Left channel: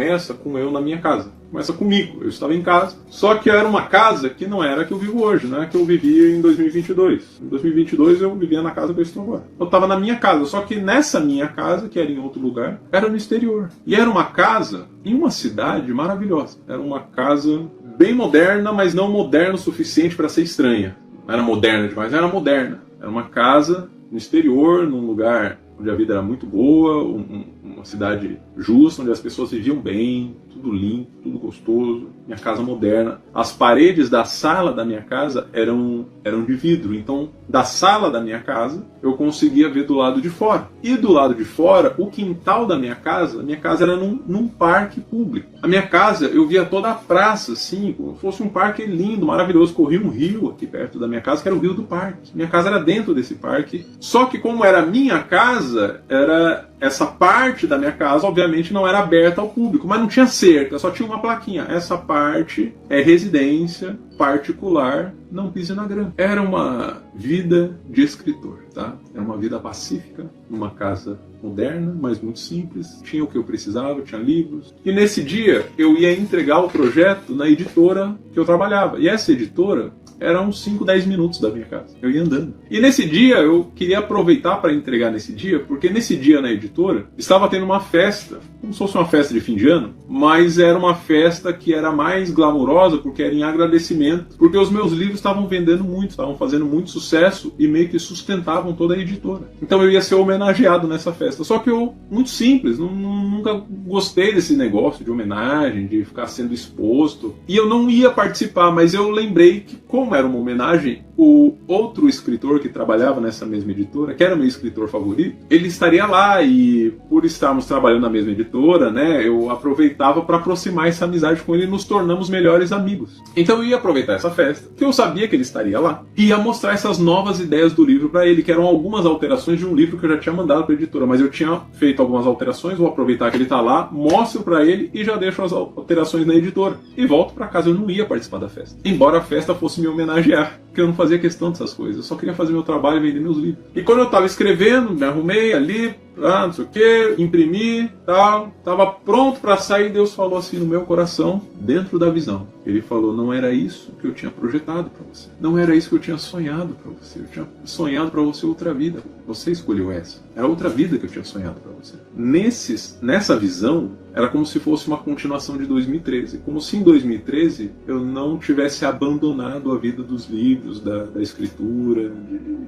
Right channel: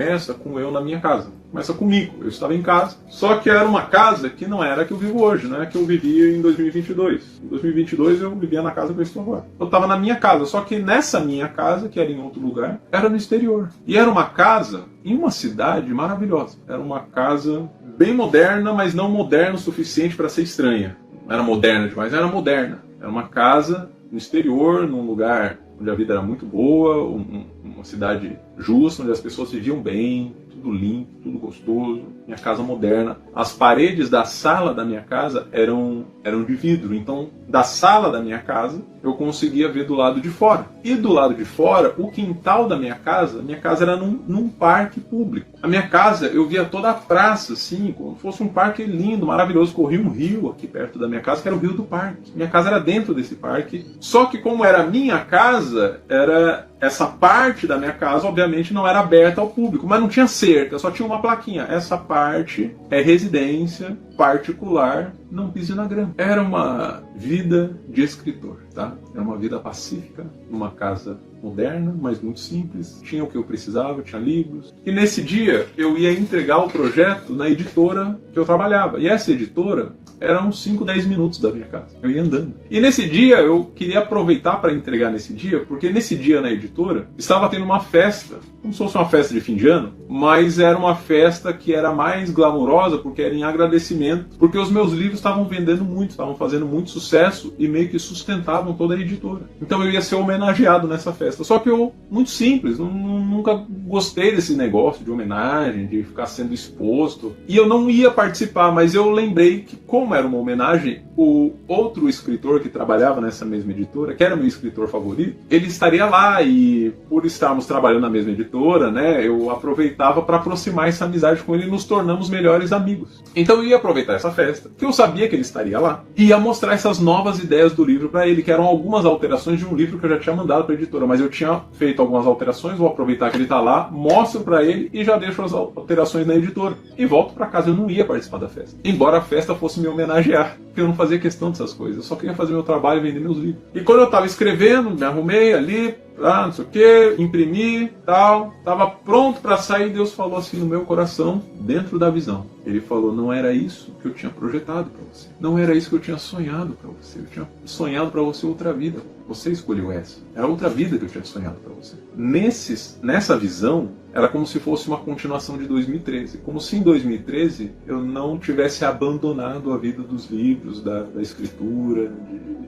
começa com eu na minha casa. Começa comigo. Eu estava em casa. Só que era uma casa que não era a que eu vivo hoje, né? Que eu vivia em 2022. Em 2022 eu vivia na casa que eu estou agora. Eu estava na minha casa. Só que nessa minha casa, que era em outro lugar, era no exterior. E era uma casa em uma cidade maravilhosa. Era uma casa bem moderna, mas não moderna o suficiente para ser estranha. Não era moderna demais, era moderna. Era uma casa no exterior, num lugar onde a vida era muito boa, uma cidade justa, onde as pessoas viviam bem, tudo limpo, tudo gostoso, minha casa moderna. As paredes da sala da minha casa eram de vidro, então da sala da minha casa eu conseguia ver do lado de fora. E do lado de fora, o quintal da minha casa era num parque público. A minha casa, eu via toda a praça, assim, como se fosse um parque lindo, maravilhoso. Corria um rio aqui perto da minha casa, que era o rio do parque. Minha casa era dentro desse parque. Só que como era minha casa, era essa parte da minha casa, obviamente, não era aberta ao público, mas não tinha cerca, só tinha uma plaquinha. Essa parte é residência particular, não pise na grama. Era uma vida de escritor, tá? Era uma vida pacífica, uma casa moderna, mas muito simples. Tinha o que eu precisava, tinha livros. E nesse dia eu ia entregar o projeto na editora que eu trabalhava. E essa editora era uns 5, 10 minutos da minha casa. Eu ia andando. E nesse dia eu queria aproveitar para entregar nesse dia, porque nesse dia na editora estava tendo uma festa, como se fosse uma festa de fim de ano, mas era uma festa que era mais glamourosa porque era em agradecimento, porque os meus livros estavam vendendo muito, estavam fazendo muito sucesso e meio que sustentavam toda a editora. Então eu ia ser homenageado nessa festa. Só que eu, muito simples, nunca gostei desse negócio de homenagem, de ficar sendo exposto. E eu não ia participar, mas eu lembrei que, como era uma homenagem, o outro escritor que trabalhava nessa mesma editora, que era meu escritor favorito, ele estaria lá. E por estarmos trabalhando na mesma editora, né, eu aproveitava para aproximar essa amizade com ele e nos tornamos melhores amigos. Então eu ia aproveitar essa festa, porque eu sabia que ele estaria lá, e ia mostrar essas novas ideias do livro para ele, que eram algumas alterações de um livro que eu já tinha mandado para a editora, mas eu tinha feito algumas alterações, vou aproveitar que ele está lá, mostro para ele e já deixo as alterações na editora. E volto para casa, eu não ia participar da festa. Embora a festa fosse me homenagear, porque eu não fazia questão dessas coisas, eu só queria fazer meu trabalho e vender meus livros. E quando eu estava escrevendo, me arrumei ali, não sei o que, imprimi, tal, estava pronto para sair, Deus falou assim no meu coração, dentro da visão. Ele falou, não era isso que eu tinha projetado para você. Não era isso que eu tinha sonhado para você. Eu tinha sonhado para você outra vida. Você escolheu essa. Era outra vida que eu tinha sonhado para você. Nessa visão, era como se fosse uma continuação de 2013. Como se em 2013 eu não tivesse abandonado a vida dos livros, da escritura,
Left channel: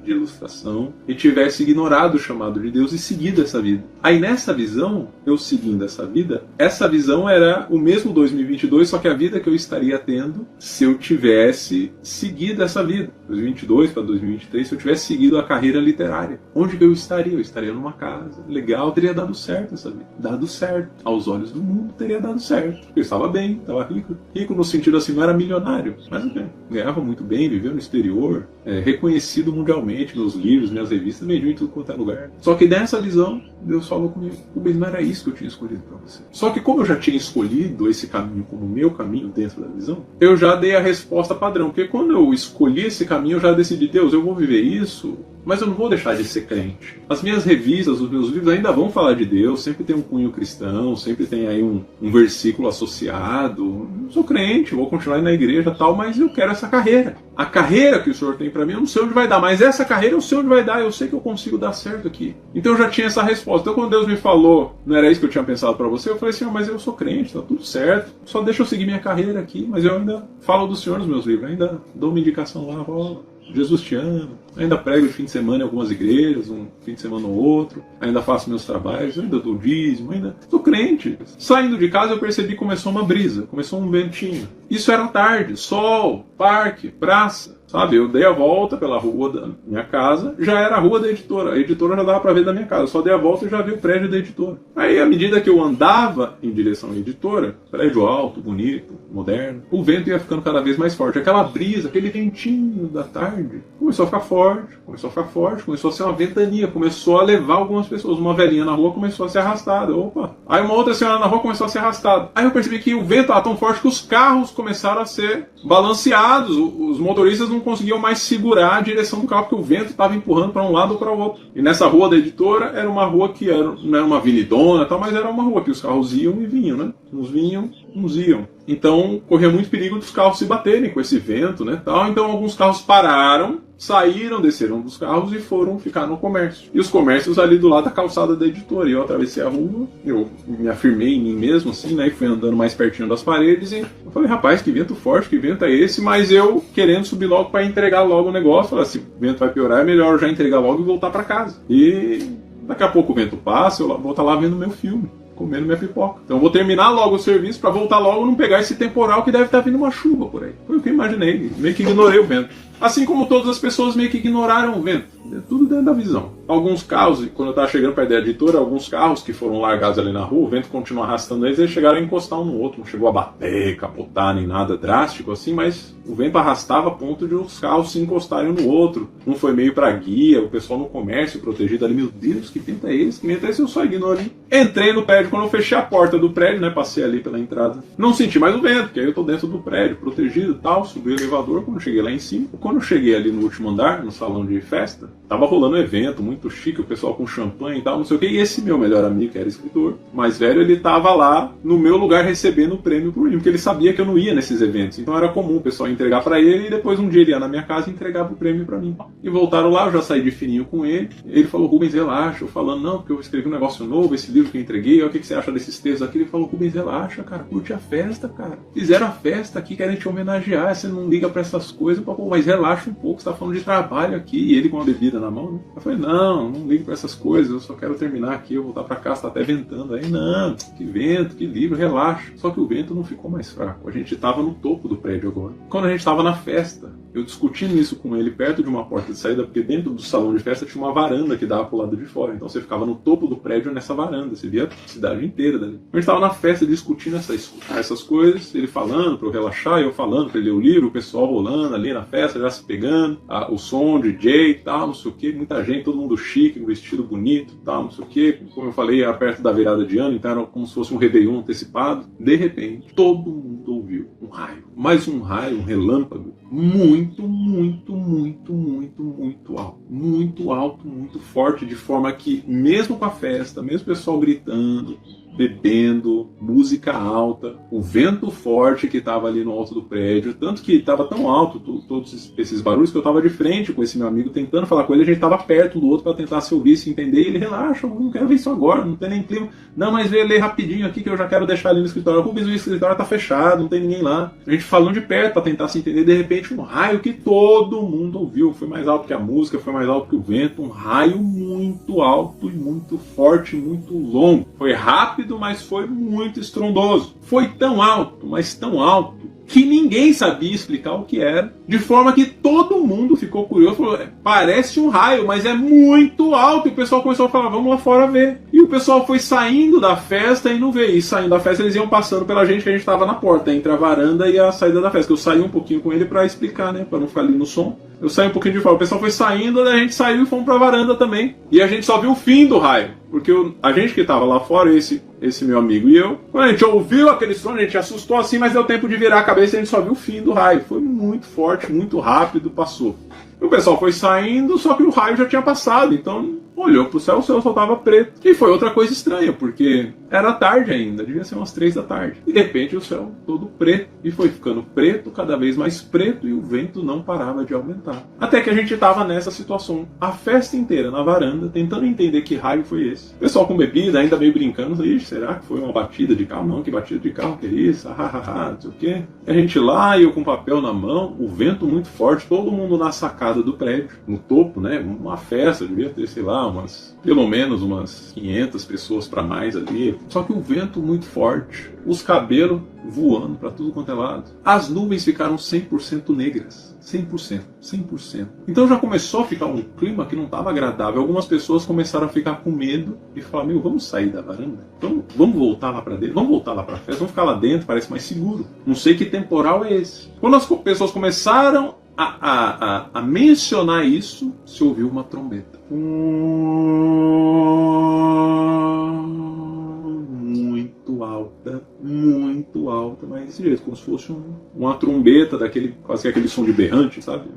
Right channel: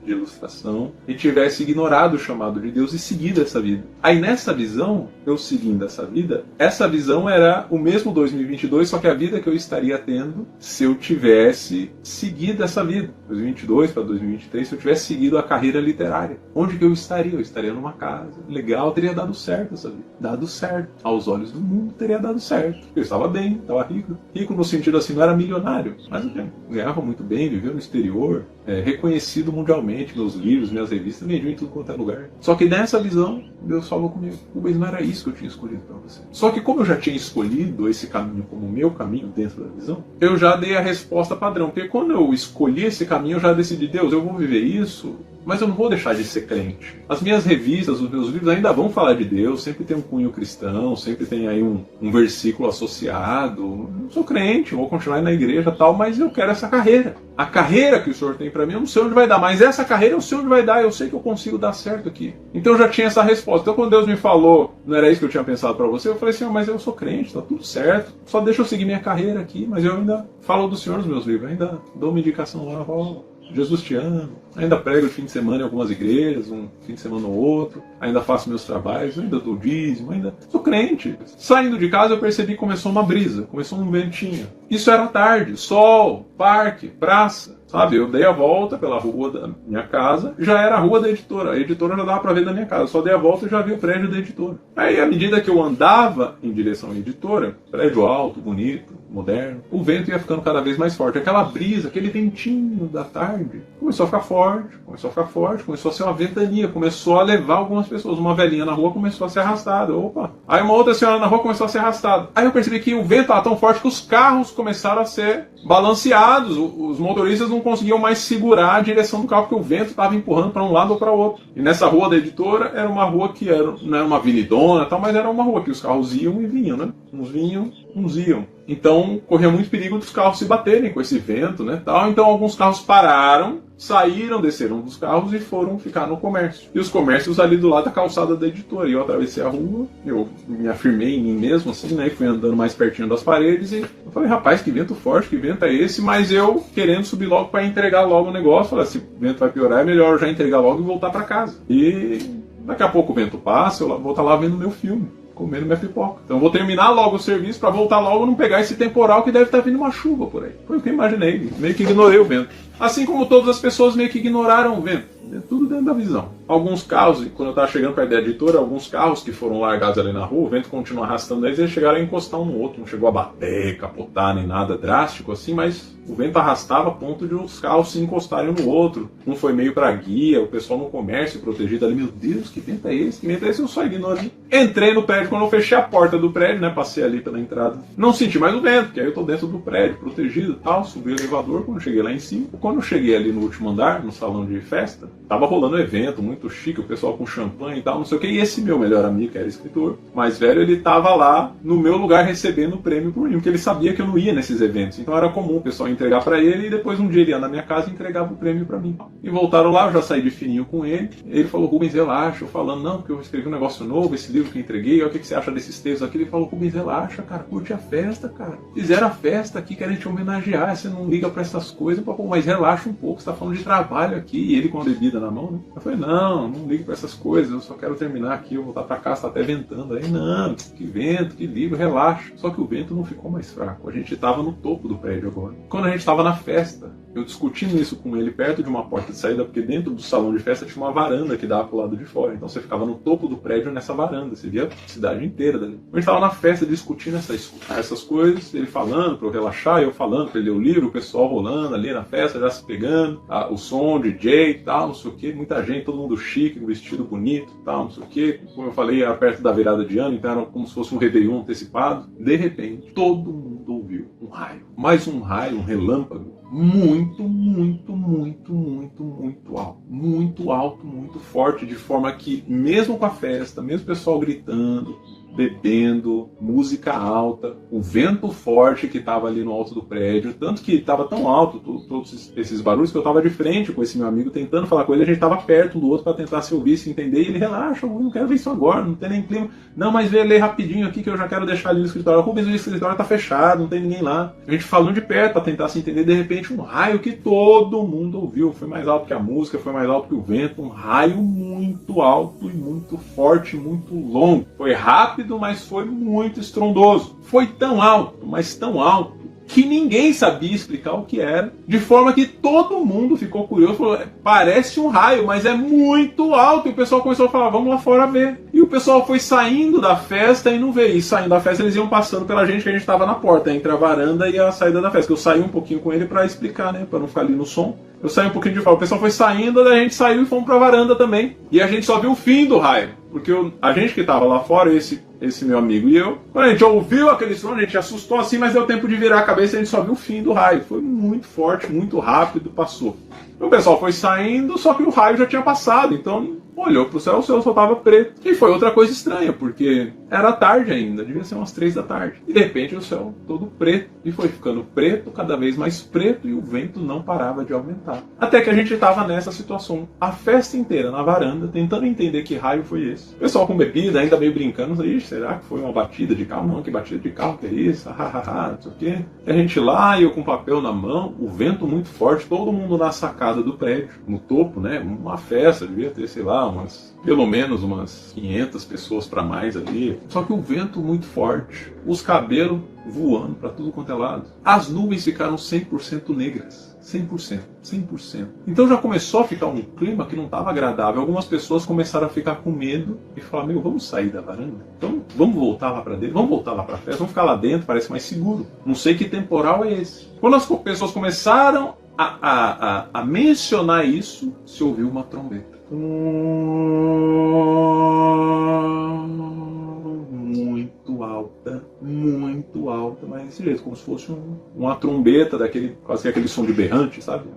de ilustração, e tivesse ignorado o chamado de Deus e seguido essa vida. Aí nessa visão, eu seguindo essa visão era o mesmo 2022, só que a vida que eu estaria tendo se eu tivesse seguido essa vida. 2022 para 2023, se eu tivesse seguido a carreira literária. Onde eu estaria? Eu estaria numa casa legal, teria dado certo essa vida. Dado certo. Aos olhos do mundo, teria dado certo. Eu estava bem, estava rico. Rico no sentido assim, não era milionário, mas eu ganhava muito bem, vivia no exterior, reconhecido mundialmente, meus livros, minhas revistas, vendiam em tudo quanto é lugar. Só que nessa visão, Deus falou comigo, mas não era isso que eu tinha escolhido para você. Só que como eu já tinha escolhido esse caminho como meu caminho dentro da visão, eu já dei a resposta padrão. Porque quando eu escolhi esse caminho, eu já decidi, Deus, eu vou viver isso, mas eu não vou deixar de ser crente. As minhas revistas, os meus livros ainda vão falar de Deus, sempre tem um cunho cristão, sempre tem aí um versículo associado. Eu sou crente, vou continuar na igreja e tal, mas eu quero essa carreira. A carreira que o Senhor tem pra mim, eu não sei onde vai dar, mas essa carreira eu sei onde vai dar, eu sei que eu consigo dar certo aqui. Então eu já tinha essa resposta. Então quando Deus me falou, não era isso que eu tinha pensado pra você, eu falei assim, mas eu sou crente, tá tudo certo, só deixa eu seguir minha carreira aqui, mas eu ainda falo do Senhor nos meus livros, ainda dou uma indicação lá, Jesus te ama, ainda prego fim de semana em algumas igrejas, um fim de semana no outro, ainda faço meus trabalhos, ainda dou dízimo, ainda sou crente. Saindo de casa eu percebi que começou uma brisa, começou um ventinho. Isso era tarde, sol, parque, praça, sabe? Eu dei a volta pela rua da minha casa, já era a rua da editora, a editora já dava pra ver da minha casa, só dei a volta e já vi o prédio da editora. Aí à medida que eu andava em direção à editora, prédio alto, bonito, moderno, o vento ia ficando cada vez mais forte. Aquela brisa, aquele ventinho da tarde, começou a ficar forte, começou a ser uma ventania, começou a levar algumas pessoas. Uma velhinha na rua começou a ser arrastada. Opa! Aí uma outra senhora na rua começou a ser arrastada. Aí eu percebi que o vento estava tão forte que os carros começaram a ser balanceados. Os motoristas não conseguiam mais segurar a direção do carro, porque o vento estava empurrando para um lado ou para o outro. E nessa rua da editora era uma rua que não era uma avenidona, mas era uma rua que os carros iam e vinham, né? Uns vinham, uns iam. Então corria muito perigo dos carros se baterem com esse vento, né? Então alguns carros pararam, saíram, desceram dos carros e foram ficar no comércio. E os comércios ali do lado da calçada da editora. E eu atravessei a rua, eu me afirmei em mim mesmo, assim, né? E fui andando mais pertinho das paredes e eu falei, rapaz, que vento forte, que vento é esse? Mas eu querendo subir logo para entregar logo o negócio, falei assim, o vento vai piorar, é melhor eu já entregar logo e voltar para casa. E daqui a pouco o vento passa, eu vou estar lá vendo meu filme, comendo minha pipoca. Então eu vou terminar logo o serviço para voltar logo e não pegar esse temporal que deve estar vindo uma chuva por aí. Foi o que eu imaginei, meio que ignorei o vento. Assim como todas as pessoas meio que ignoraram o vento. É tudo dentro da visão. Alguns carros, quando eu estava chegando para a editora, alguns carros que foram largados ali na rua, o vento continuou arrastando eles chegaram a encostar um no outro. Não chegou a bater, capotar, nem nada drástico assim, mas o vento arrastava a ponto de os carros se encostarem um no outro. Um foi meio para guia, o pessoal no comércio protegido ali. Meu Deus, que vento é esse? Que vento é esse? Eu só ignorei. Entrei no prédio, quando eu fechei a porta do prédio, né, passei ali pela entrada. Não senti mais o vento, porque aí eu estou dentro do prédio, protegido e tal. Subi o elevador, quando cheguei lá em cima. Quando eu cheguei ali no último andar, no salão de festa, tava rolando um evento muito chique, o pessoal com champanhe e tal, não sei o que. E esse meu melhor amigo, que era escritor, mais velho, ele tava lá no meu lugar recebendo o prêmio por mim, porque ele sabia que eu não ia nesses eventos. Então era comum o pessoal entregar pra ele e depois um dia ele ia na minha casa e entregava o prêmio pra mim. E voltaram lá, eu já saí de fininho com ele. Ele falou, Rubens, relaxa. Eu falando, não, porque eu escrevi um negócio novo, esse livro que eu entreguei, o que você acha desses textos aqui? Ele falou, Rubens, relaxa, cara, curte a festa, cara. Fizeram a festa aqui, querem te homenagear, você não liga pra essas coisas. Pô, mas relaxa um pouco, você tá falando de trabalho aqui. E ele com a bebida na mão, né? Eu falei, não ligo pra essas coisas, eu só quero terminar aqui, eu vou voltar pra casa, tá até ventando. Aí, não, que vento, que livro, relaxa. Só que o vento não ficou mais fraco. A gente tava no topo do prédio agora. Quando a gente tava na festa, eu discutindo isso com ele perto de uma porta de saída, porque dentro do salão de festa tinha uma varanda que dava pro lado de fora. Então você ficava no topo do prédio nessa varanda, você via a cidade inteira dali. A gente tava na festa discutindo essas coisas, ele falando pra eu relaxar, eu falando pra ele ler o livro, o pessoal rolando ali na festa, já se pegando, o som, DJ e tal, não sei o que, muita gente, todo mundo chique, vestido bonito e tal, não sei o que. Como eu falei, era perto da virada de ano, então era como se fosse um Réveillon antecipado. De repente, todo mundo ouviu um raio. Mais um raio, um relâmpago. Muito alto. Muito alto, muito forte, de forma que, mesmo com a festa, mesmo o pessoal gritando, bebendo, música alta, o vento forte que estava ali no alto do prédio, tanto que estava tão alto todos esses barulhos que eu estava de frente com esse meu amigo tentando falar com ele, a gente estava perto um do outro para tentar se ouvir, se entender, e ele relaxa, eu não quero ver isso agora, não tem nem clima, não, mas vem ler rapidinho aqui que eu já quero deixar ali no escritório, Rubens, o escritório está fechado, não tem ninguém lá, a gente falando de perto para tentar se entender, de repente um raio que todo mundo ouviu, foi mais alto que a música, foi mais alto que o vento, um raio muito alto e muito forte, muito longo, foi rápido, mas foi muito estrondoso. Foi tão alto, mas tão alto, que ninguém sabia explicar o que era, de forma que todo mundo ficou curioso, falou, parece um raio, mas é muito alto, e o pessoal começou a falar, vamos lá fora ver. E o pessoal foi saindo da festa e não veio, e saindo da festa eles iam passando pela gente, que a gente estava na porta, entre a varanda e a saída da festa, que eu saí um pouquinho com ele para explicar, né, para não ficar ali no som. Eu saí um pouquinho de fora, o pessoal foi saindo, daí a gente saiu e fomos pra varanda também. E a gente só viu o fim do raio, porque a gente que tava lá fora, esse meu amigo e eu, quando a gente ouviu aquele som, a gente assustou assim, mas deu tempo de virar a cabeça e a gente só viu o fim do raio. Foi muito forte, muito rápido, passou. O pessoal foi saindo, só que o raio já tinha passado, então olhou pro céu, o céu só tava preto. E foi outra coisa estranha, porque era tarde ainda, devia ser umas 3 da tarde. E de repente o céu todo preto, e foi ficando preto, cada vez mais preto, e o vento não parava de aumentar. Até que a gente tava nessa situação, a festa inteira na varanda, tentando entender que raio foi esse. O pessoal com bebida, ainda meio brincando, será que foi uma batida de carro? Não, que batida de carro, que é isso? Não sei o quê. E a gente lá, e eu com papel na mão, o vento muito forte, todo mundo na sacada do prédio, no topo, né? Uma festa, devia ter, sei lá, pelo menos umas 500 pessoas para mais ali. Só que o vento muito forte, os cabelos voando para tudo quanto é lado. As nuvens ficaram 100% negras. 100%. Então já começou a ficar um clima que não estava agradável. Algumas pessoas começaram a ficar com medo e falar, vamos sair da varanda? Então vamos voltar lá para dentro? Vamos voltar lá para festa? Vamos ficar lá dentro, parece mais seguro. Não sei que temporal é esse. Quando as pessoas começaram a mencionar isso, se ouviu uma trombeta. Muito alta, mas desse jeito, como se fosse uma trombeta daquele, quase aquele som de berrante, sabe?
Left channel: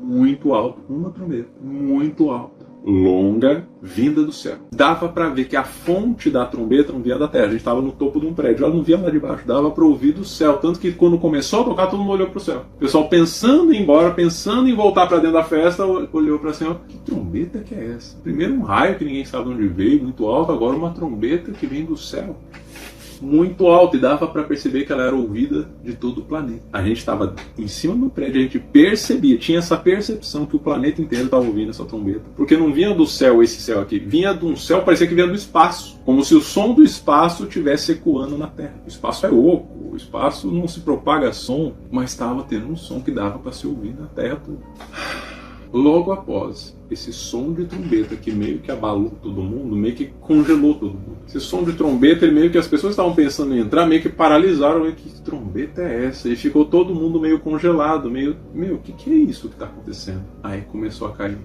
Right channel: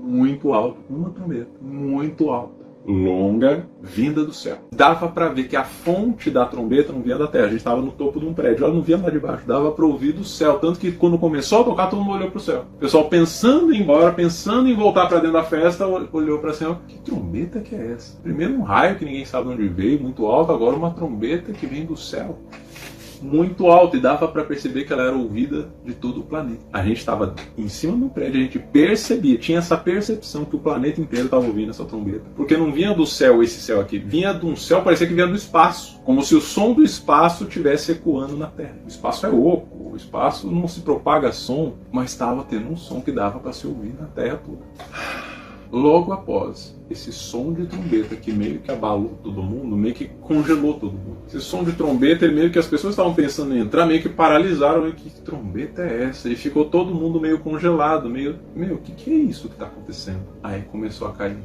Muito alto, uma trombeta, muito alta, longa, vinda do céu. Dava para ver que a fonte da trombeta não via da terra. A gente estava no topo de um prédio, ela não via lá de baixo, dava para ouvir do céu. Tanto que quando começou a tocar, todo mundo olhou para o céu. O pessoal pensando em ir embora, pensando em voltar para dentro da festa, olhou para céu. Que trombeta que é essa? Primeiro um raio que ninguém sabe de onde veio, muito alto, agora uma trombeta que vem do céu. Muito alto, e dava para perceber que ela era ouvida de todo o planeta. A gente estava em cima do prédio, a gente percebia, tinha essa percepção que o planeta inteiro estava ouvindo essa trombeta. Porque não vinha do céu esse céu aqui, vinha de um céu, parecia que vinha do espaço. Como se o som do espaço estivesse ecoando na Terra. O espaço é oco, o espaço não se propaga som, mas estava tendo um som que dava para se ouvir na Terra toda. Logo após esse som de trombeta que meio que abalou todo mundo, meio que congelou todo mundo. Esse som de trombeta, meio que as pessoas estavam pensando em entrar, meio que paralisaram, meio que trombeta é essa? E ficou todo mundo meio congelado, meio, o que é isso que está acontecendo? Aí começou a cair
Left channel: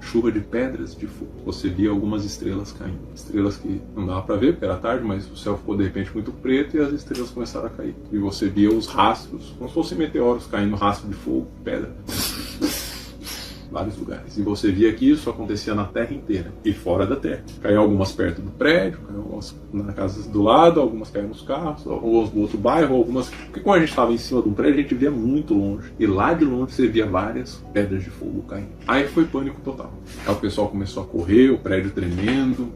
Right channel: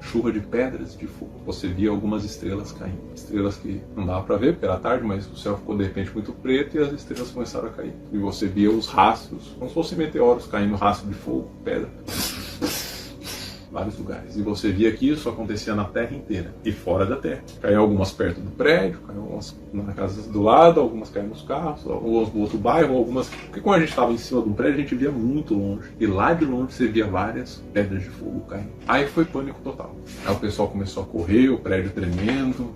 chuva de pedras de fogo. Você via algumas estrelas caindo. Estrelas que não dava para ver porque era tarde, mas o céu ficou de repente muito preto e as estrelas começaram a cair. E você via os rastros, como se fossem meteoros caindo, rastro de fogo, pedra. Vários lugares. E você via que isso acontecia na Terra inteira e fora da Terra. Caíam algumas perto do prédio, caíam algumas na casa do lado, algumas caíam nos carros, algumas no outro bairro, algumas... Porque quando a gente estava em cima de um prédio, a gente via muito longe. E lá de longe você via várias pedras de fogo caindo. Aí foi pânico total. Aí o pessoal começou a correr, o prédio tremendo,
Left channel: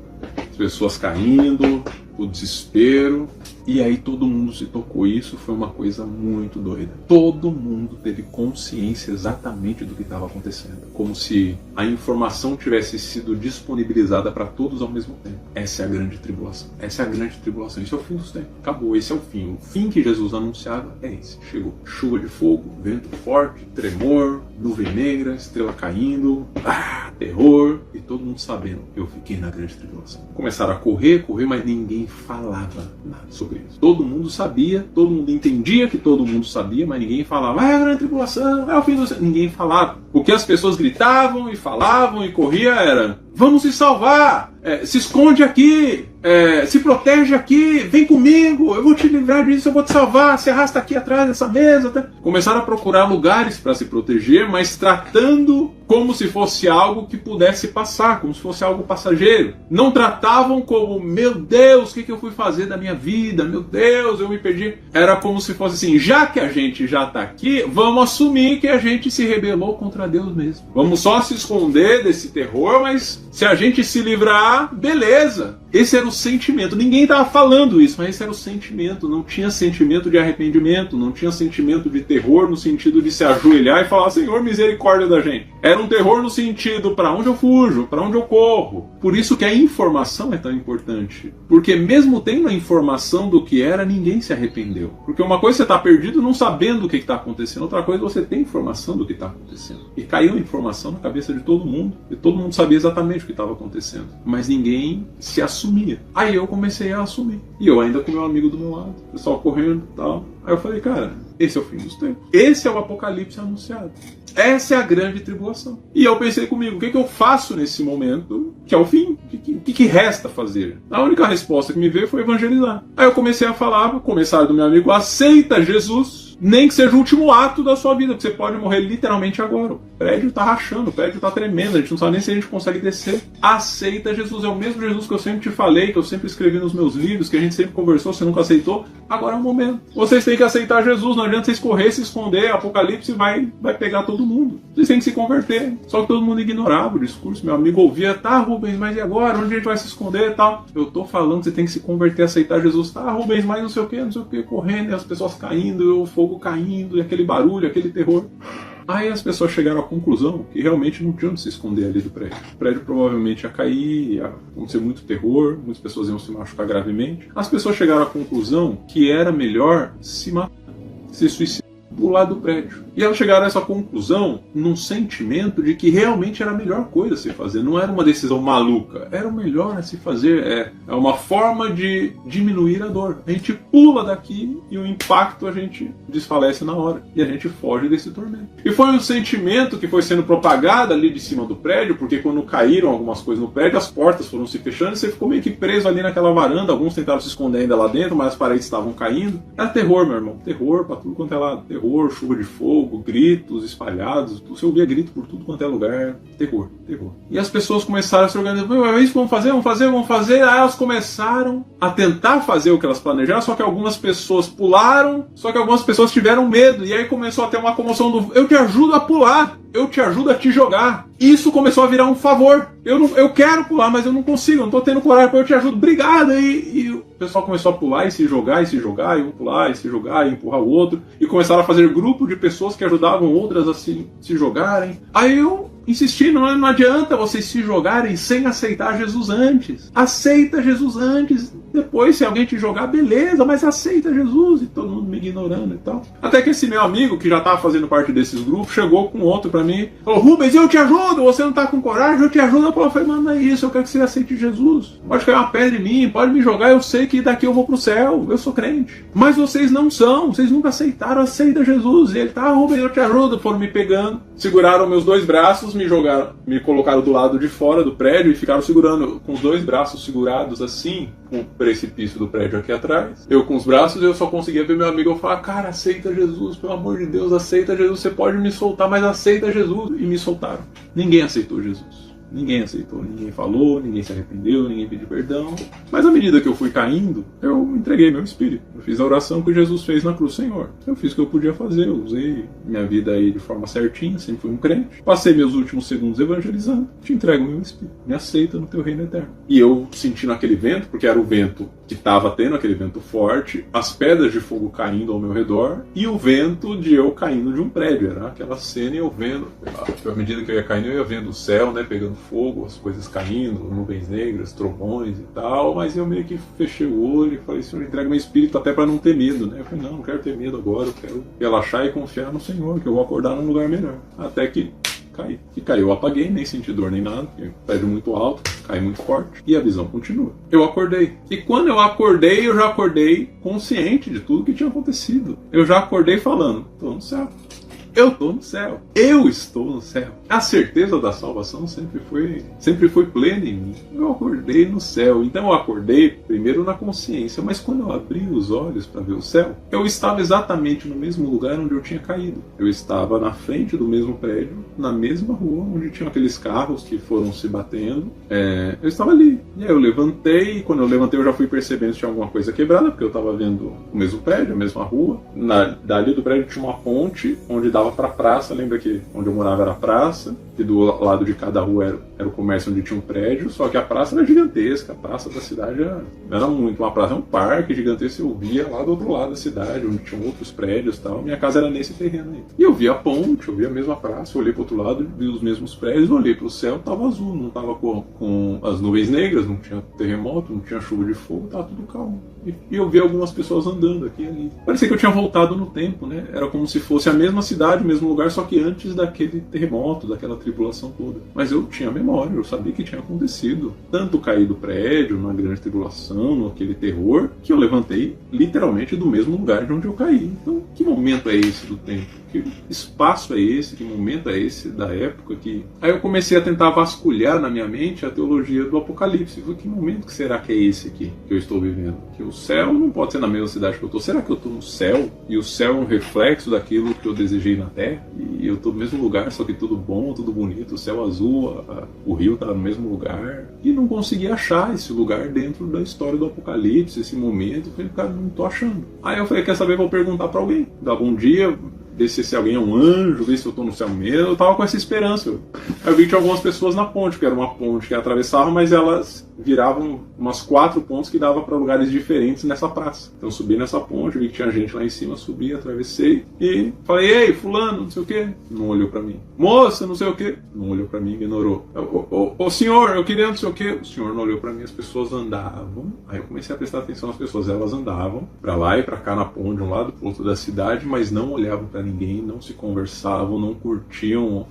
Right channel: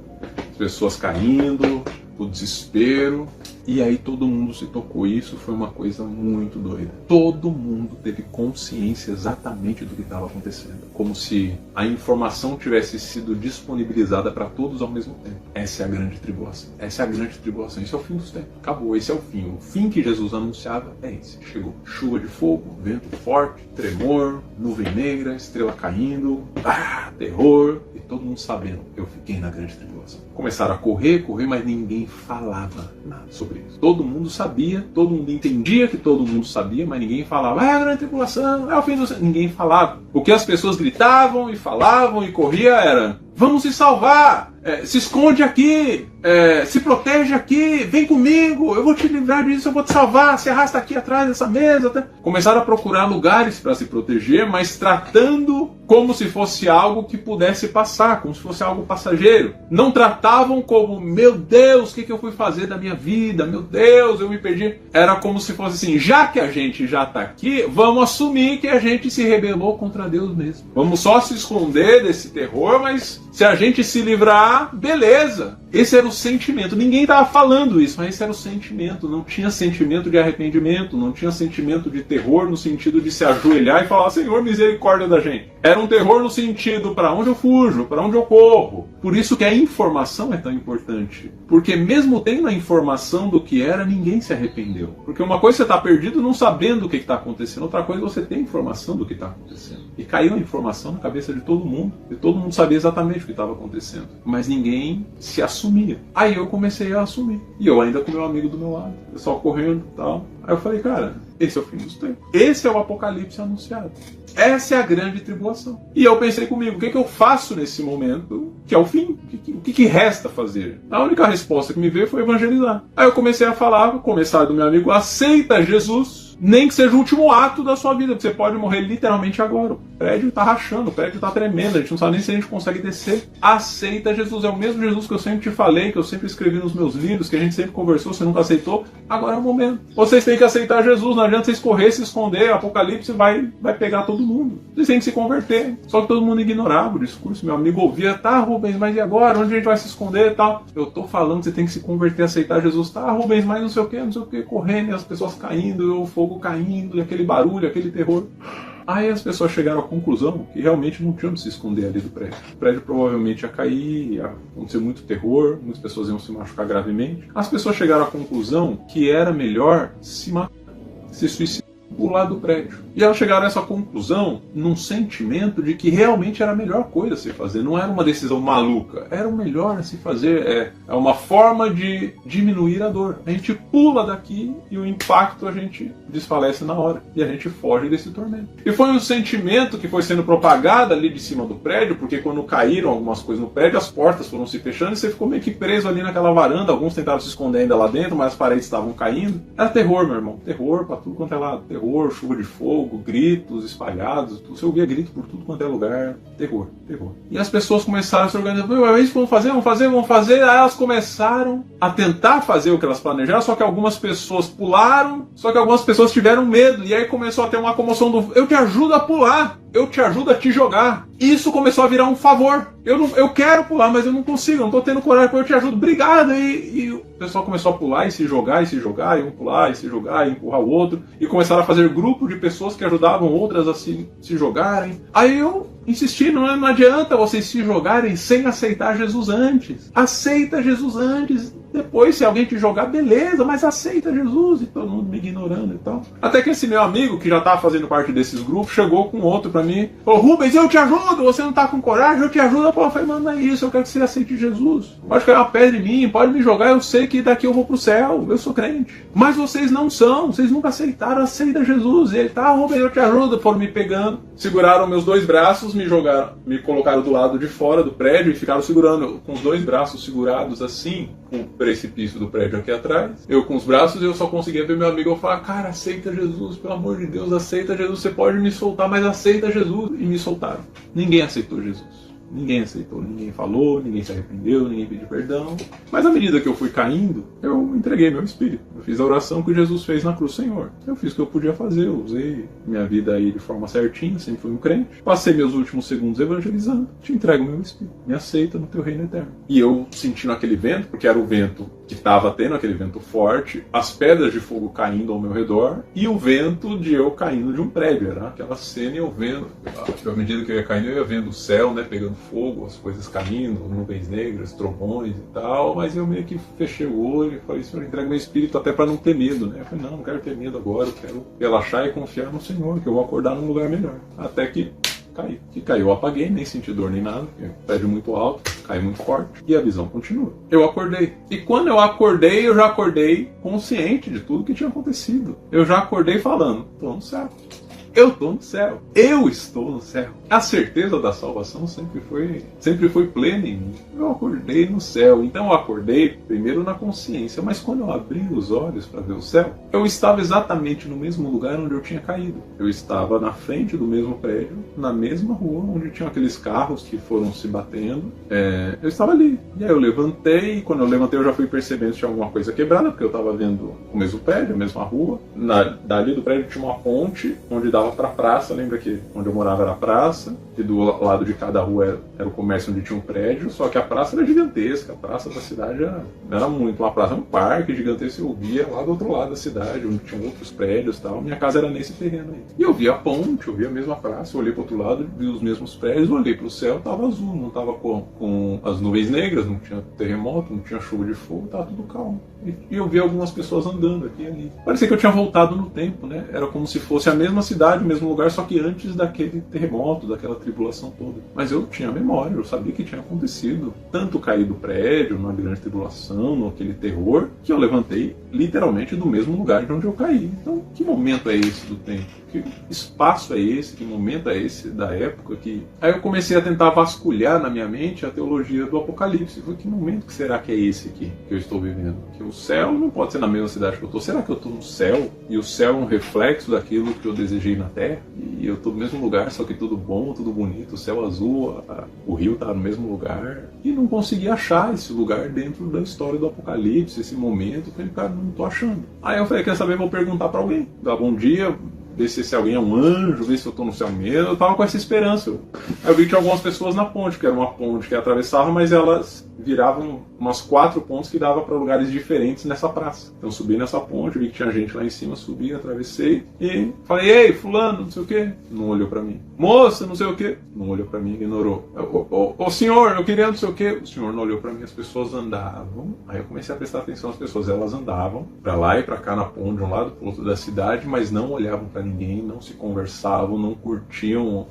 as pessoas caindo, o desespero. E aí todo mundo se tocou. Isso foi uma coisa muito doida. Todo mundo teve consciência exatamente do que estava acontecendo. Como se a informação tivesse sido disponibilizada para todos ao mesmo tempo. Essa é a grande tribulação. Essa é a grande tribulação. Isso é o fim dos tempos. Acabou. Esse é o fim. O fim que Jesus anunciava é esse. Chegou. Chuva de fogo, vento forte, tremor, nuvem negra, estrela caindo, terror. E todo mundo sabendo. Eu fiquei na grande tribulação. Começaram a correr, mas ninguém falava nada sobre isso. Todo mundo sabia, todo mundo entendia que todo mundo sabia, mas ninguém falava, a grande tribulação, é o fim do... Ninguém falava. O que as pessoas gritavam e falavam e corria era, vamos se salvar, se esconde aqui, se protege aqui, vem comigo, eu vou te livrar disso, eu vou te salvar, se arrasta aqui atrás dessa mesa. Começaram a procurar lugares para se proteger, mas tratando como se fosse algo que pudesse passar, como se fosse algo passageiro. Não tratavam como, meu Deus, o que eu fui fazer da minha vida? Meu Deus, eu me perdi. Era como se fosse assim, já que a gente já está aqui, vamos assumir que a gente se rebelou contra Deus mesmo. Vamos só se esconder desse terror, mas se a gente se livrar, beleza. Esse era o sentimento. Ninguém estava falando isso, mas esse era o sentimento. Não tinha sentimento de arrependimento, não tinha sentimento de terror no sentido de se ajoelhar e falar, Senhor, misericórdia da gente. Era um terror no sentido, para onde eu fujo, para onde eu corro. Por isso que a informação é tão importante. Porque mesmo tendo a informação do que era, ninguém se arrependeu. Porque uma coisa é você está perdido não sabendo o que está acontecendo, outra coisa é você ter informação do que está acontecendo. E caiu a informação na cabeça de todo mundo, e todo mundo sabia exatamente o que estava acontecendo. Mas ninguém se assumia. Aí eu comecei a assumir. E eu ainda com meu amigo do meu lado, o pessoal correndo e tal. Aí eu falei, cara, esse é o fim dos tempos. Esse é o apocalipse anunciado. Essa é a grande tribulação. E eu pensei comigo, o que eu faço nesse momento que é o fim? O que resta fazer? A única resposta que me veio foi evangelizar. Aí eu comecei a falar pro comissário do meu amigo, aceita Jesus, nem que seja o último ato da sua vida, porque você pode morrer literalmente agora. O prédio tá rachando, o prédio tá tremendo, a gente não sabe nem se a gente consegue descer. Aceita Jesus, é o mesmo Jesus que eu sempre te falei, que eu sempre escrevi nos meus livros, que a gente sempre conversou, você nunca aceitou. Agora é o momento. Vocês têm que aceitar Jesus, não adianta vocês correr, se esconder, Apocalipse vai pegar todo mundo. Vocês têm que se converter. Só que todo mundo ignorava o discurso. Meu amigo ouvia, tá, Rubens, mas e agora? Onde a gente vai se esconder e tal? Eu tô falando que você tem que se converter, aceitar Jesus. Tá, Rubens, mas não sei o que, correndo, e as pessoas caindo, o fogo caindo, e aquele barulho, aquele terror. Aí as pessoas chegaram à conclusão que realmente não tinha onde se esconder ali do prédio. O prédio provavelmente ia cair, ia acontecer muito terror, muitas pessoas iam se machucar gravemente. As pessoas chegaram à conclusão que era melhor se matar, se suicidar, pular do prédio. E elas chegaram a essa conclusão num sentimento de que realmente era a melhor coisa a se fazer. Não era uma decisão maluca, era o melhor a se fazer. É uma forma de diminuir a dor. A gente pula daqui e o impacto a gente desfalece na hora. E a gente foge desse tormento. E foi um sentimento que foi sendo propagado ali de cima do prédio, porque quando caíram algumas coisas no prédio, as portas foram se fechando e você ficou meio que preso ali naquela varanda. Alguns tentaram se esconder ainda lá dentro, mas as paredes estavam caindo. Era terror, meu irmão. Terror pra tudo quanto é lado. Terror, chuva de fogo, gritos espalhados. Você ouvia grito por tudo quanto é lugar. Terror, terror. E as pessoas começaram a se organizar. É isso que vamos fazer, vamos fazer, vamos fazer. Aí elas começaram a tentar fazer o que elas planejaram, só que algumas pessoas pularam, só que algumas pessoas tiveram medo. E aí começou a ter uma comoção do eu te ajudo a pular, eu te ajudo a te jogar. Isso começou a virar um favor. Eu quero pular, mas eu não consigo, eu não tô tendo coragem, eu te ajudo, obrigado. E o pessoal começou a pular e se jogar, e um pular e se jogar, e empurrar o outro. E começaram a fazer grupo de pessoas que ajudavam outras a se jogarem. Aí eu insisti, não adianta vocês se jogarem sem aceitar Jesus antes. Aceita Jesus antes. Depois, se alguém te jogar, beleza, mas aceita Jesus. E todo mundo me ignorando e tal. Até que esse meu amigo, que já estava fazendo parte desses grupos, chegou com outro pra mim. Falou, Rubens, eu te ajudo, você não tá com coragem, eu te ajudo. Eu falei, mano, não é isso, eu quero que você aceite Jesus. Pode cair uma pedra em mim, pode me jogar, eu sei que daqui eu vou pro céu, eu sou crente. Mas vocês não são, vocês nunca aceitaram, aceita Jesus. E ele, tá, Rubens, eu te ajudo. Foram me pegando, seguraram meus dois braços, me jogaram, me colocaram do lado de fora do prédio e ficaram segurando com os dois braços segurados assim, com o precipício do prédio aqui atrás. Eu com os braços, eu só conseguia ver meu amigo. Eu falava, cara, aceita Jesus, pelo amor de Deus, aceita Jesus, você pode me soltar, mas aceita Jesus. E me soltaram. Ninguém aceitou Jesus. Ninguém aceitou, ninguém falou, ninguém se arrependeu, ninguém pediu perdão. Mas à medida que eu fui caindo, eu entreguei meu espírito. Eu fiz a oração que Jesus fez na cruz, Senhor. Eu fiz o que eu podia fazer, eu usei minha vida aí de forma certinha, sempre fui um crente. Passei meus últimos segundos evangelizando. Te entrego meu espírito, me aceita no teu reino eterno. E eu senti naquele vento, porque era o vento que estava tendo, aquele vento forte, as pedras de fogo caindo ao meu redor e o vento de eu caindo de um prédio. Era aquela cena e eu vendo, à medida que eu ia caindo, eu ia vendo o céu, né, pegando fogo, as coisas caindo, nuvens negras, trovões e tal, mas eu meio que fechei o olho e falei, Senhor, entrega meu espírito até para não ter medo, né? Eu falei, não quero ter medo agora, eu quero relaxar e confiar no Senhor, que eu vou acordar num lugar melhor. Até que caiu, eu apaguei, nem senti dor nem nada, prédio muito alto, cai muito forte, e a visão continua. Eu acordei. E quando eu acordei, eu já acordei consciente de tudo que tinha acontecido. Eu já acordei falando, tô no céu. Eu estou no céu. Eu estou no céu. A certeza da salvação sempre foi plena em mim. Eu acordei no céu. Então eu acordei primeiro na consciência, mas quando eu abri os olhos para ver o céu, eu estava exatamente no mesmo lugar onde eu tinha caído. Eu estava na frente do mesmo prédio, na mesma rua onde tinham aqueles carros que foram se batendo. Eu estava ali. E aí eu levantei, e quando eu levantei eu já fui percebendo se tinha alguma coisa quebrada, porque eu estava vendo o mesmo prédio, a mesma rua. Dali do prédio tinha uma ponte onde dava para a praça. Lembra que onde eu morava era a praça, e do lado de cada rua era o comércio onde tinha um prédio, só que a praça era gigantesca, a praça da cidade era muito uma praça, um parque gigantesco. Eu via lá do outro lado da cidade, onde tinha outros prédios e tal. Minha casa era nesse terreno aí. E eu via a ponte, eu via a mesma praça, eu olhei pro outro lado, vi os mesmos prédios, eu olhei pro céu, tava azul, não tava com as nuvens negras, não tinha terremoto, não tinha chuva de fogo, tava tudo calmo. E eu vi algumas pessoas andando aqui e ali. Parecia que eu tinha voltado no tempo, né? Era como se fosse a mesma cidade, o mesmo lugar, só que antes daquele terremoto, daquela tribulação toda. Mas eu tinha memória, eu sabia que tinha acontecido. Tanto cair do prédio, numa grande tribulação, naquele terror, que eu levantei literalmente do mesmo lugar de onde eu caí. Então, que momento é esse do tempo? Que espaço é esse? Que momento é esse da época? Aí eu comecei a tentar vasculhar na minha mente a teologia do Apocalipse. Que momento que será que é esse aqui que eu estou vivendo? Que o céu não pode ser na mesma cidade que eu estou. Será que eu estou no céu? E o céu é um reflexo daquilo que eu desejei na Terra? E eu estou no mesmo lugar, só que tudo bom, tudo bonito, o céu azul, o rio está no mesmo lugar. E não consegui achar esse lugar dentro da história do Apocalipse, esse momento. Eu falei, cara, não estou achando. Aí eu falei, quer saber, vou perguntar para alguém. Dá bom dia, ver se alguém é um anjo, ver se eu tô no céu mesmo. Eu tava com essa esperança. Aí eu vi que tinha algumas pessoas na ponte, que era uma ponte que atravessava, mas elas viravam umas 4 pontes que dava para lugares diferentes nessa praça. Então eu subi nessa ponte, vi que tinha gente lá em cima, subi, atravessei e falei, ei, fulano, não sei o que, não olhou para mim. Moça, não sei o que, não olhou para mim, ignorou. Ô senhor, eu queria não sei o que, o senhor não olhou para mim, as pessoas andavam. Aí eu comecei a prestar atenção nas pessoas, elas andavam para lá e para cá na ponte, de um lado pro outro da cidade, mas não olhavam para ninguém, não se conversavam, não curtiam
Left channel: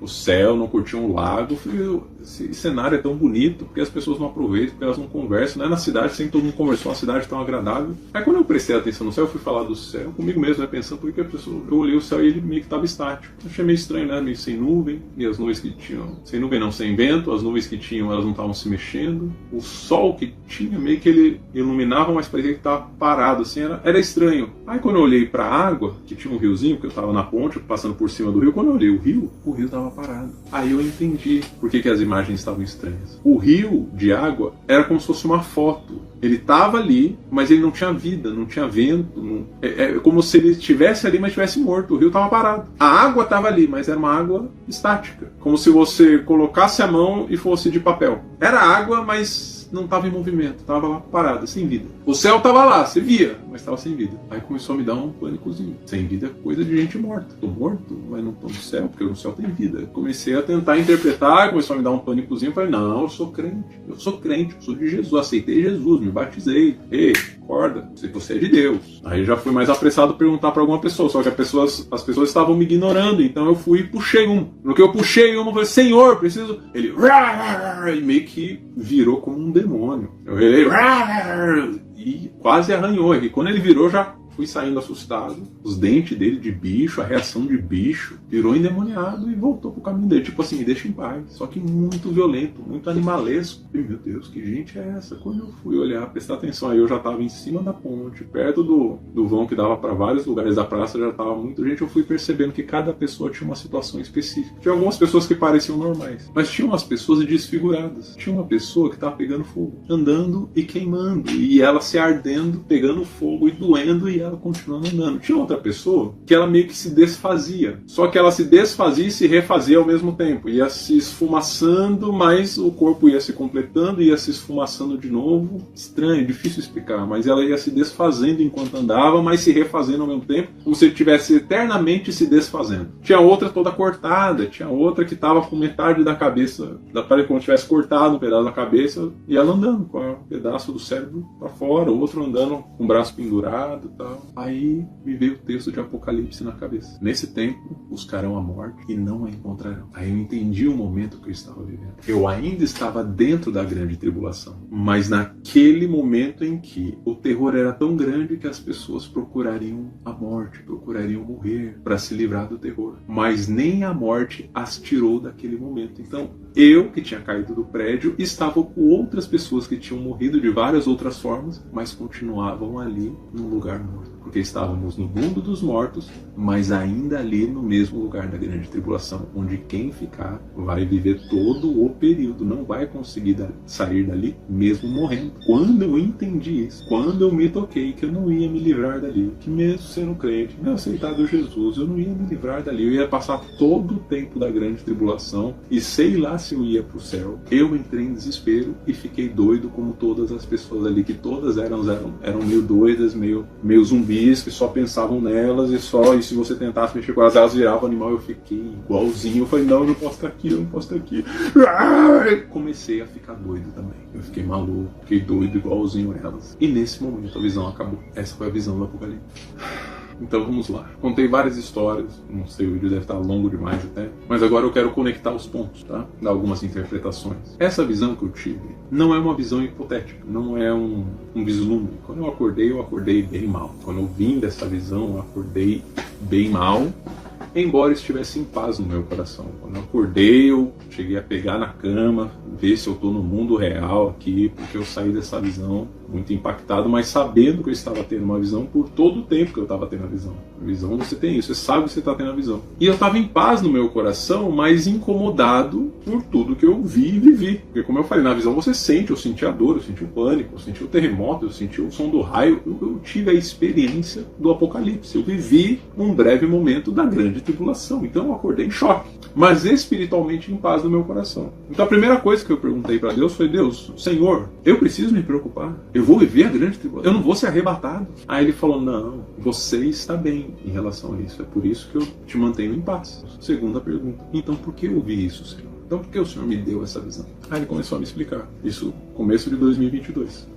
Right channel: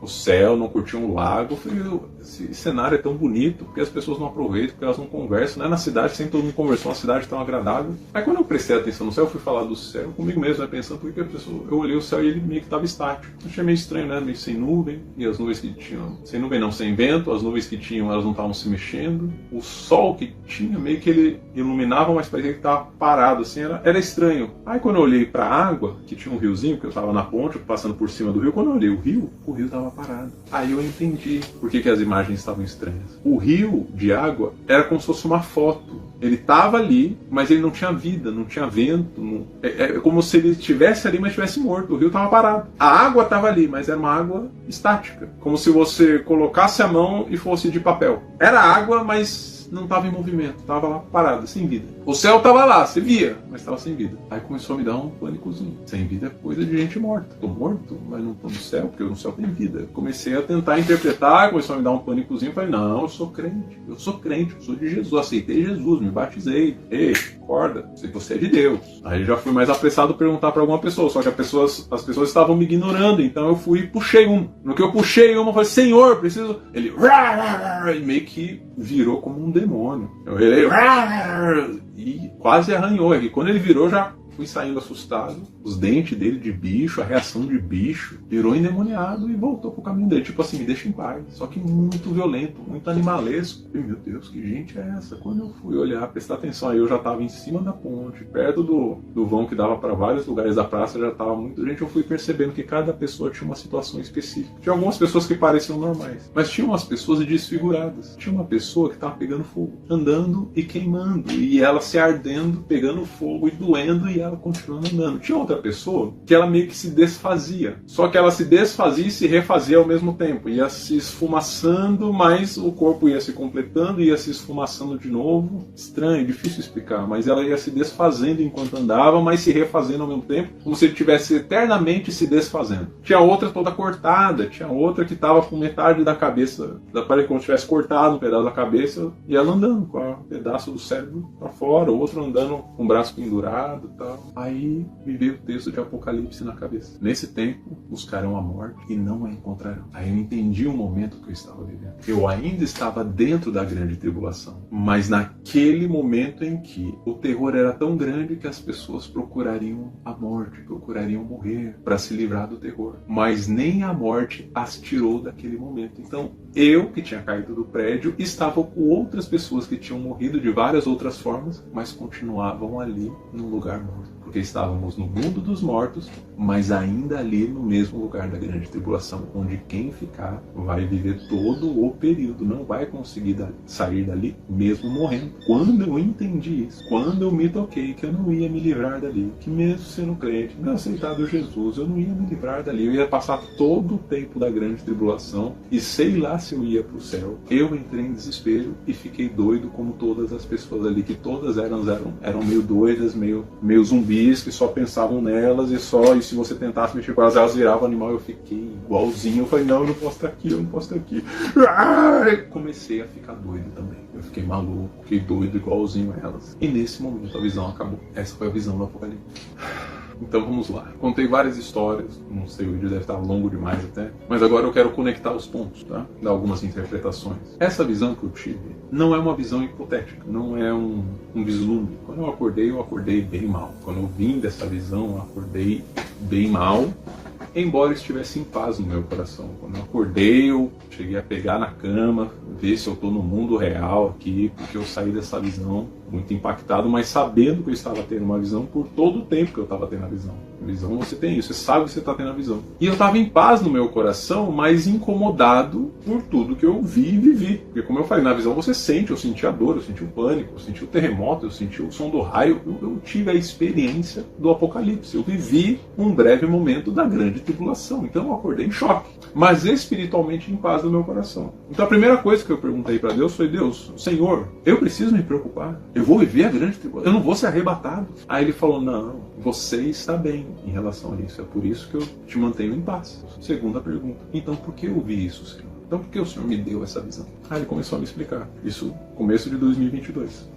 o céu, não curtiam o lago. Eu falei, esse cenário é tão bonito, porque as pessoas não aproveitam, porque elas não conversam, né? Na cidade sempre todo mundo conversou, uma cidade tão agradável. Aí quando eu prestei atenção no céu, eu fui falar do céu, comigo mesmo, pensando, porque eu olhei o céu e ele meio que estava estático. Achei meio estranho, né? Meio sem nuvem, e as nuvens que tinham, sem nuvem não, sem vento, as nuvens que tinham, elas não estavam se mexendo. O sol que tinha, meio que ele iluminava, mas parecia que estava parado, assim, era estranho. Aí quando eu olhei para a água, que tinha um riozinho, porque eu estava na ponte, passando por cima do rio, quando eu olhei o rio estava parado. Aí eu entendi por que as imagens estavam estranhas. O rio de água era como se fosse uma foto. Ele estava ali, mas ele não tinha vida, não tinha vento. É como se ele estivesse ali, mas estivesse morto. O rio estava parado. A água estava ali, mas era uma água estática. Como se você colocasse a mão e fosse de papel. Era água, mas não estava em movimento. Estava lá parada, sem vida. O céu estava lá, você via, mas estava sem vida. Aí começou a me dar um pânicozinho. Sem vida é coisa de gente morta. Estou morto, mas não estou no céu, porque o céu tem vida. Comecei a tentar interpretar, começou a me dar um pânicozinho. Falei, não, eu sou crente, eu sou de Jesus, aceitei Jesus, me batizei. Ei, acorda, se você é de Deus. Aí já fui mais apressado perguntar para alguma pessoa, só que as pessoas estavam me ignorando, então eu fui e puxei um. No que eu puxei um, eu falei, Senhor, preciso... Ele... E meio que virou como um demônio. Eu virei... E quase arranhou. E quando ele virou, já fui saindo assustado. Os dentes dele de bicho, a reação de bicho, virou endemoniado e voltou pro caminho dele. Tipo assim, me deixa em paz. Só que muito violento, muito animalesco. E, meu Deus, que gente é essa? Quando eu fui olhar, prestar atenção, aí eu já tava em cima da ponte, perto do vão que dava para vários lugares da praça, já tava muita gente. Eu fui percebendo que cada pessoa tinha uma situação específica. Tinha algumas pessoas que pareciam normais, mas tinha umas pessoas desfiguradas. Tinha uma pessoa que tava pegando fogo, andando e queimando, e ela se ardendo, pegando fogo e doendo, e ela continuando andando. Tinha outra pessoa que ela meio que se desfazia, só que ela se desfazia e se refazia ao mesmo tempo, ia se esfumaçando, mas o corpo ia se completando, ia se esfumaçando de novo. Estranho, difícil explicar, mas ela ia se desfazendo enquanto andava, mas se refazendo ao mesmo tempo, como se estivesse eternamente se desfazendo. Tinha outra toda cortada, tinha outra que estava com metade da cabeça, parece como se tivesse cortado um pedaço da cabeça, e ela andando com um pedaço do cérebro para fora, outro andando com o braço pendurado e tal. Aí me veio o texto de Apocalipse na cabeça. Nesse tempo, buscarão a morte e não a encontrarão. Aí eu entendi o momento que eu estava vivendo. Eu ainda estava dentro da grande tribulação, mas naquele momento em que o terror era tão grande que as pessoas procurariam a morte, procurariam morrer para se livrar do terror. Mas nem a morte as tirou daquele momento. Então, eu, que tinha caído do prédio, estava com outras pessoas que tinham morrido de várias outras formas, mas continuavam ali no lugar morto. Porque estávamos no mundo dos mortos, mas ainda ali no mesmo lugar da grande tribulação, onde quem ficar vai viver todo o período, não vai conseguir sair dali mesmo morrendo. Quando eu entendi isso, quando eu me toquei que eu não ia me livrar dali, que mesmo sendo crente, mesmo aceitado Jesus, eu não ia me livrar dali, eu ia passar todo o tempo da grande tribulação e sei lá se eu ia para o céu. Eu entrei em desespero e fiquei doido como todas as pessoas ali, que todas eram meio doidas, meio zumbis, que só pensavam nelas e se você tentasse mexer com elas viravam animal. Eu fiquei igualzinho, eu falei, não, eu não posso estar aqui, eu não posso estar aqui. Comecei a ficar doido também, eu fiquei maluco, fiquei doido igualzinho a elas. E nesse momento a visão acabou. Essa foi a visão do Apocalipse. Então vamos lá. Contei várias histórias, não sei, o vídeo deve estar longo demais até, mas agora eu quero conectar os pontos, tá? Dar algumas interpretações. Essa visão que eu tive não é uma visão hipotética, não é um vislumbre. Quando eu acordei bem mal. Quando eu vim dessa visão, eu acordei bem mal, embora estivesse em paz no meu coração. Quando eu acordei, eu cheguei a pegar na cama, ver se eu estou no mundo real aqui, porque eu saí dessa visão muito impactado, mas sabendo que eu estava tendo uma visão por todo o tempo que eu estava tendo a visão. A visão você tem isso, você sabe que você está tendo a visão. E eu estava em paz no meu coração, mas incomodado por tudo que eu vi e vivi. Porque como eu falei, na visão você sente, eu senti a dor, eu senti o pânico, eu senti o terremoto, eu senti o som do raio, eu tive a experiência do apocalipse. Eu vivi um breve momento da grande tribulação. Então eu acordei em choque, mas espiritualmente em paz no meu coração. Então a primeira coisa que eu perguntei para Deus foi: Deus, Senhor, eu preciso me preocupar? Eu vou viver a grande tribulação? Eu não vou ser arrebatado? Aí ele falou: não, você está bem em relação a isso. É por isso que eu te mantenho em paz. Segunda pergunta: então por que eu vi isso, Senhor? Então por que o Senhor me deu essa visão? Aí ele começou a me explicar. Isso começo de 2022.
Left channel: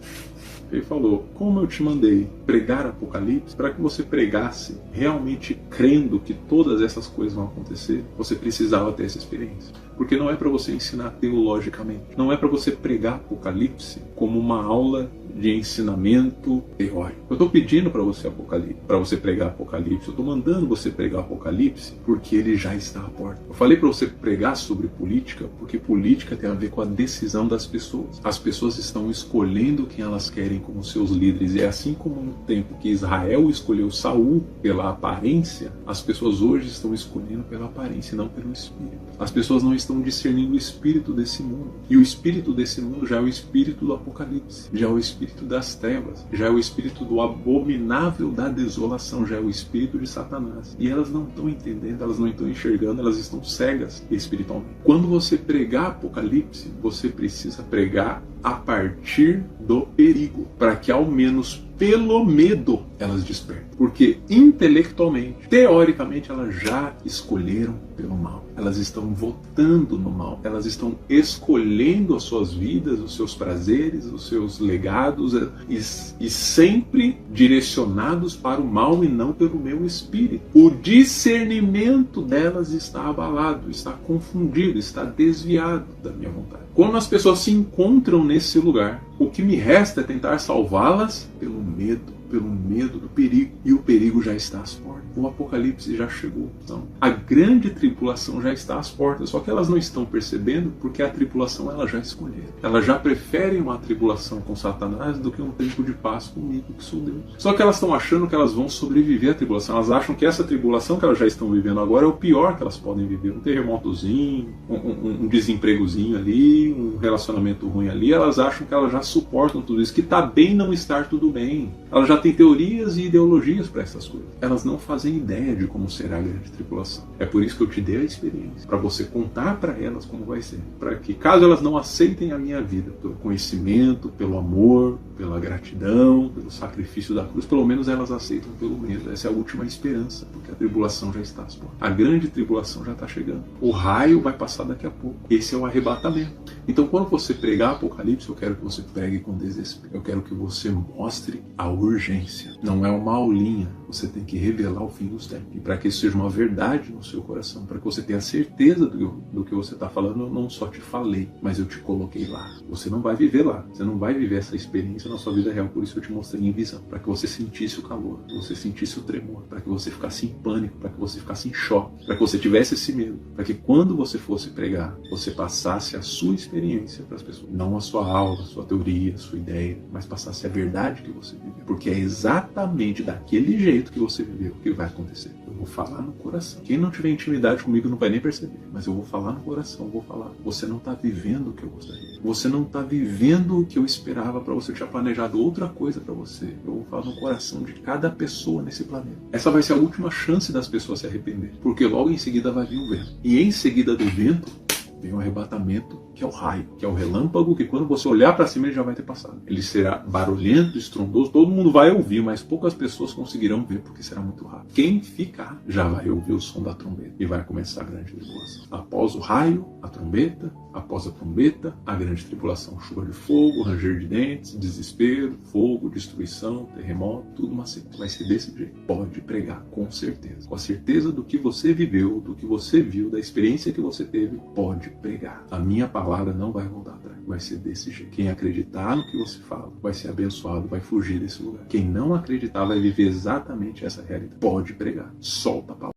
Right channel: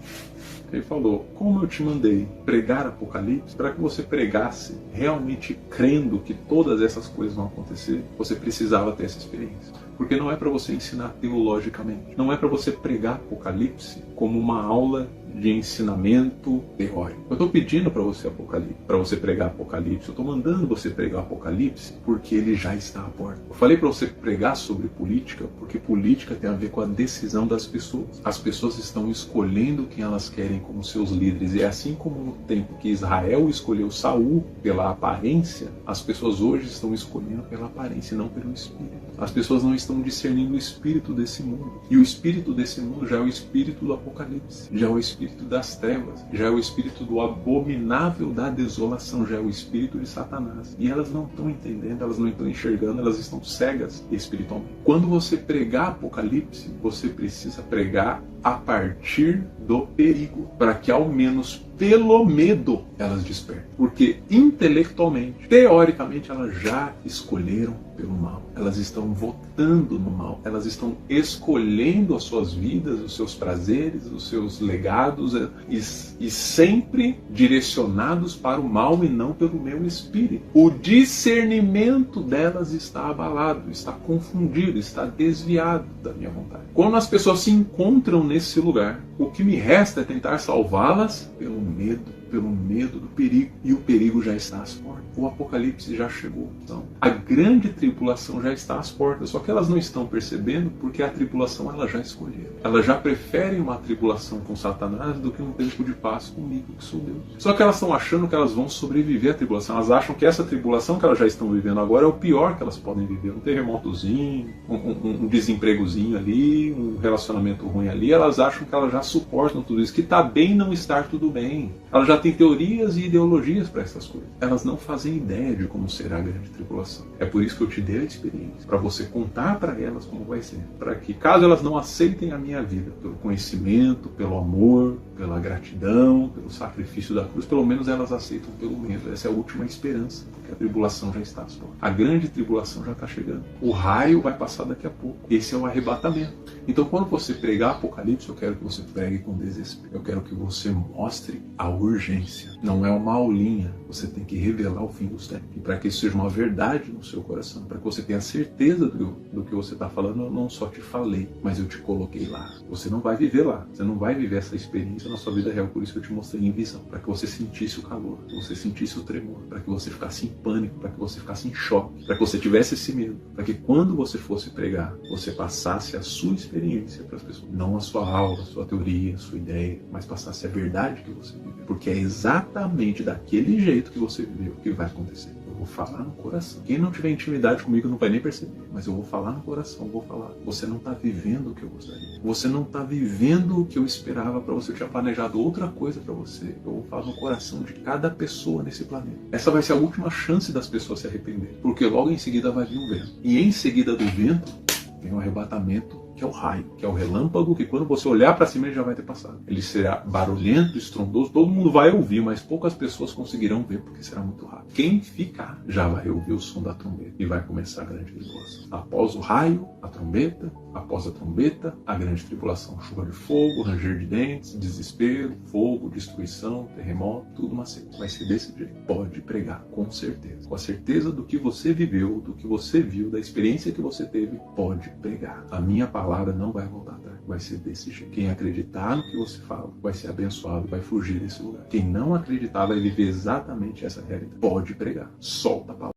Ele falou: como eu te mandei pregar Apocalipse, para que você pregasse realmente crendo que todas essas coisas vão acontecer, você precisava ter essa experiência. Porque não é para você ensinar teologicamente. Não é para você pregar Apocalipse como uma aula de ensinamento teórico. Eu estou pedindo para você Apocalipse, para você pregar Apocalipse. Eu estou mandando você pregar Apocalipse porque ele já está à porta. Eu falei para você pregar sobre política porque política tem a ver com a decisão das pessoas. As pessoas estão escolhendo quem elas querem como seus líderes. E assim como no tempo que Israel escolheu Saul pela aparência, as pessoas hoje estão escolhendo pela aparência e não pelo espírito. As pessoas não estão discernindo o espírito desse mundo. E o espírito desse mundo já é o espírito do Apocalipse, já é o espírito das trevas, já é o espírito do abominável da desolação, já é o espírito de Satanás. E elas não estão entendendo, elas não estão enxergando, elas estão cegas espiritualmente. Quando você pregar Apocalipse, você precisa pregar a partir do perigo, para que ao menos pelo medo elas despertem. Porque intelectualmente, teoricamente, elas já escolheram pelo mal. Elas estão votando no mal. Elas estão escolhendo as suas vidas, os seus prazeres, os seus legados e sempre direcionados para o mal e não pelo meu espírito. O discernimento delas está abalado, está confundido, está desviado da minha vontade. Quando as pessoas se encontram nesse lugar, o que me resta é tentar salvá-las pelo medo do perigo. E o perigo já está às portas. O Apocalipse já chegou. Então, a grande tribulação já está às portas. Só que elas não estão percebendo porque a tribulação elas já escolheram. Elas já preferem uma tribulação com Satanás do que um tempo de paz comigo, que sou Deus. Só que elas estão achando que elas vão sobreviver à tribulação. Elas acham que essa tribulação que elas já estão vivendo agora é o pior que elas podem viver. Um terremotozinho, um desempregozinho ali, um relacionamento ruim ali. Elas acham que elas já suportam tudo isso. Que está bem não estar tudo bem. Elas já têm teorias e ideologias para essas coisas. Elas não fazem ideia de como será a grande tribulação. É por isso que eu te dei a experiência, para você contar para elas como vai ser, para que caso elas não aceitem a minha vida, pelo conhecimento, pelo amor, pela gratidão, pelo sacrifício da cruz, pelo menos elas aceitam pelo menos. Essa é a última esperança, porque a tribulação já está às portas. A grande tribulação já está chegando. O raio vai passar daqui a pouco. Esse é o arrebatamento. Então, quando você pregar Apocalipse, eu quero que você pregue com desespero. Eu quero que você mostre a urgência. Não é uma aulinha. Você tem que revelar o fim dos tempos. E para que isso seja uma verdade no seu coração, para que você tenha certeza do que você está falando, eu não só te falei, mas eu te coloquei lá. Você não vai viver lá. Você não vai viver essa experiência na sua vida real. Por isso que eu te mostrei em visão. Para que você sentisse o calor, para que você sentisse o tremor, para que você ficasse em pânico, para que você ficasse em choque, para que você tivesse esse medo, para que quando você fosse pregar, você passasse a sua experiência para as pessoas. Não a sua aula, a sua teoria, a sua ideia, mas passasse a verdade que você viveu. Porque é exatamente daquele jeito que você viveu que vai acontecer. Eu vou falar no coração. Quem não tiver intimidade comigo não vai nem perceber. Mas eu vou falar no coração, vou falar. Você não está vivendo o que eu gostaria. Você não está vivendo o que eu esperava para você. Eu tinha planejado outra coisa para você. Eu vou falar no coração de cada pessoa nesse planeta. Essa vai ser a última chance das pessoas se arrependerem. Porque logo em seguida vai vir um vento. E em seguida do vento vem o arrebatamento, que é o raio, que é o relâmpago, que quando você olhar para cima ele já vai ter passado. Ele será barulhento, estrondoso, todo mundo vai ouvir, mas poucas pessoas conseguirão ver porque será muito rápido. Quem ficar já vai ouvir o som da trombeta e vai começar a grande tribulação. Após o raio, a trombeta, após a trombeta, a grande tribulação. Chuva de fogo, ranger de dentes, desespero, fogo, destruição, terremoto, tudo uma sequência. Vai ser desse jeito. Pode pregar, com certeza. Com a certeza do que você viveu, do que você viu, da experiência que você teve, pode pregar. A minha palavra não vai voltar atrás. Vai ser desse jeito. Quem acreditar no que você fala vai ser abençoado, vai fugir desse lugar. Quem não acreditar vai viver exatamente essa realidade. Pode pregar. Solta a palavra.